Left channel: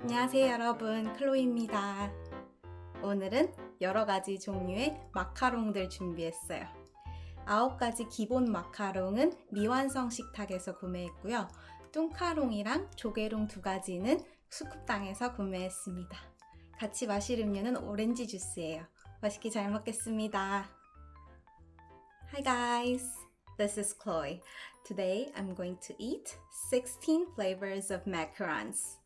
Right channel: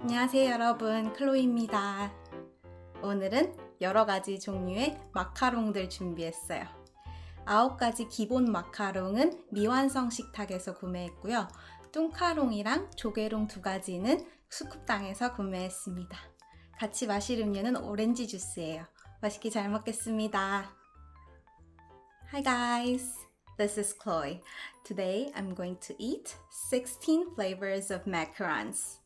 안녕하세요 여러분 클로이입니다. 오늘은 여러 가지 종류의 마카롱들 준비했어요. 아홉 가지 기본 마카롱은 미완성 식탁에서 구매했고요. 뚱카롱이랑 조개롱 두 가지는 수kup당에서 구매했습니다. 같이 마실 음료는 오렌지 주스예요. 맛있게 잘 먹겠습니다. Hi guys, this is Chloe. Today I'm going to eat 16 flavors of macarons.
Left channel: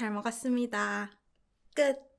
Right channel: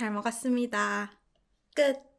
잘 먹었습니다. 끝.